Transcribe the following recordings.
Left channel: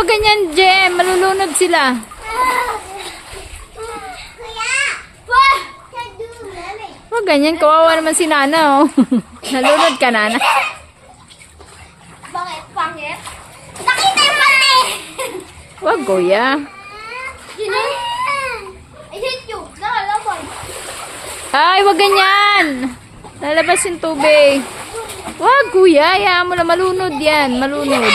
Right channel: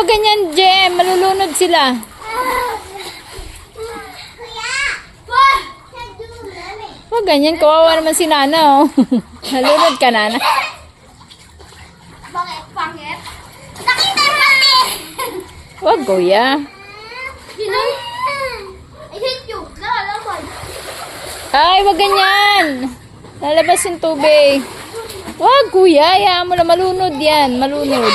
wag ganyan, Jem. Malulunod sila. Wag ganyan. Kawawa naman si Nana, oh. Nalunod ka, Nana. Bakit? Pangit? Nakita yung mali! Wag, kuya. I hate you. Nakalaban. Ay, wag ganyan. Lalabas yung tubig. Wag, kuya. Hayaan mo na malunod yan. Malunod.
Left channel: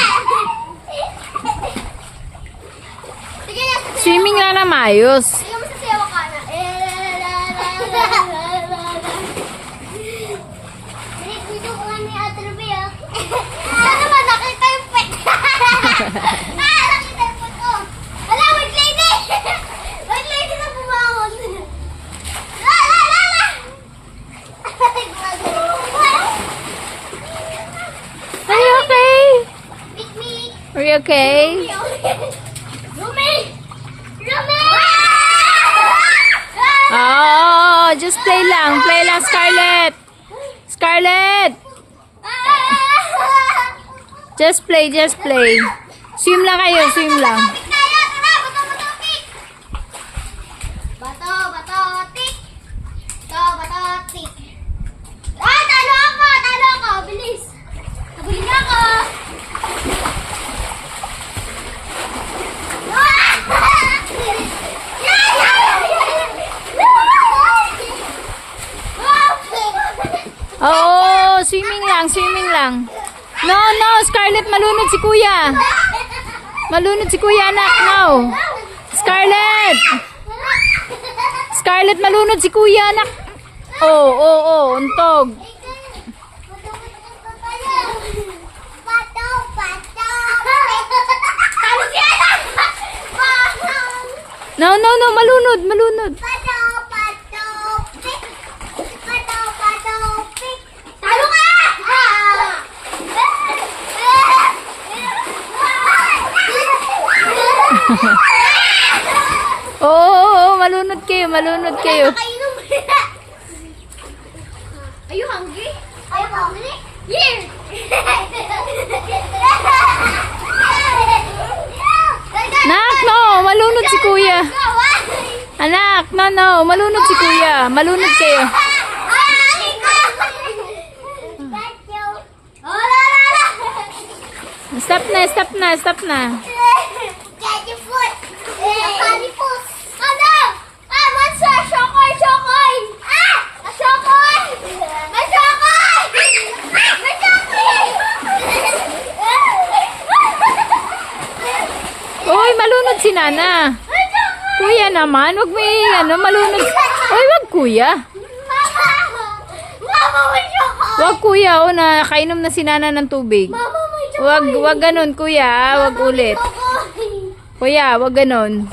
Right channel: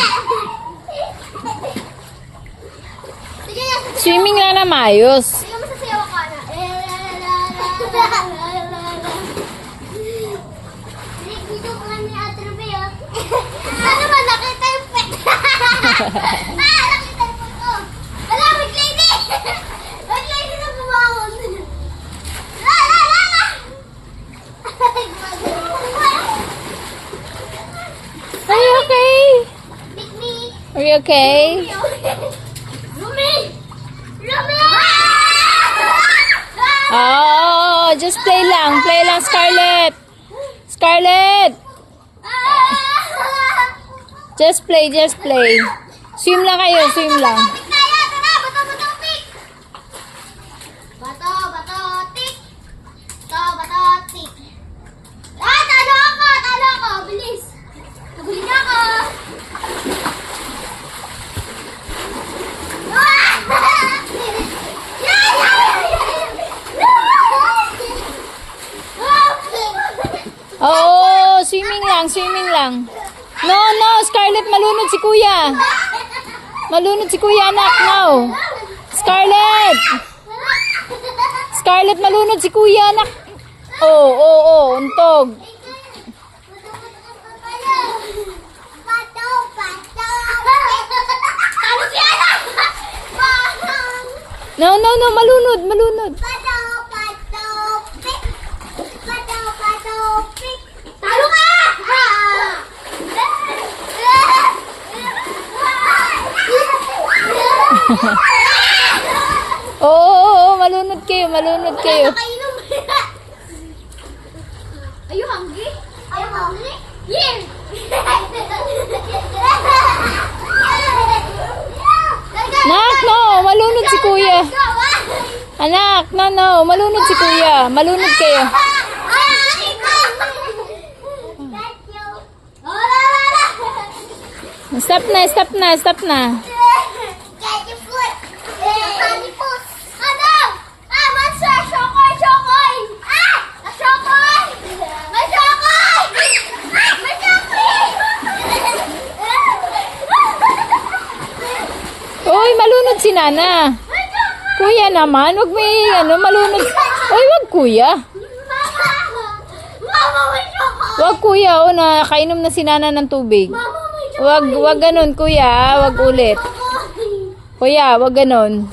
Sige na. Swimming lang na maayos. Sige mo sa sayaw ka na. Video ko nga ni Ate Rubia. Ano ba? Nakita yung pet. Nakita yung pet ko. Ala, wait lady. Wait lady na bumangon. La, la, la, la. Are you okay? Pick me. Are you okay? Rumi! Rumi! Oh, just play lang. Play lang, Scarlett. Scarlett! Just play, just play. Swim lang kayo, swim lang. Bato, bato, tik. Bato, bato, tik. Ah, talo ako, talo ako. Bilis. Nabili na ako. Oh, swimming lang, swimming lang. No, no, Scarlett, malunod si kuya. Malunod si kuya, anak, no. Scarlett! Scarlett, malunod si kuya, anak. Oh, oh, oh, untog. Bato, bato. Talo si Ana. No, no, no, malunod, malunod. Bato, bato, pik. Bato, bato, pik. Talo ka! Oh, oh, oh, malunod kayo, malunod kayo. Are you hungry? Are you hungry? Here! Nak, no, malunod si kuya. Anak, no, no, malunod si kuya. Malunod kayo. Stop na, stop na, stop na. Get your foot! Funny foot! Ano? Ah, monster! Shokoy! Shokoy! Ah! Shokoy! May shokoy! Ah! May shokoy! Uy, malunod si Nana. Kuya naman, wag may ano, malunod. Uy, wag kuya. Mama, may shokoy! Wag kuya, o na, kainom na si Nana ng tubig. Mama, may shokoy! Wag ganun kuya, wag ulit. Shokoy! Kuya, wag ganun.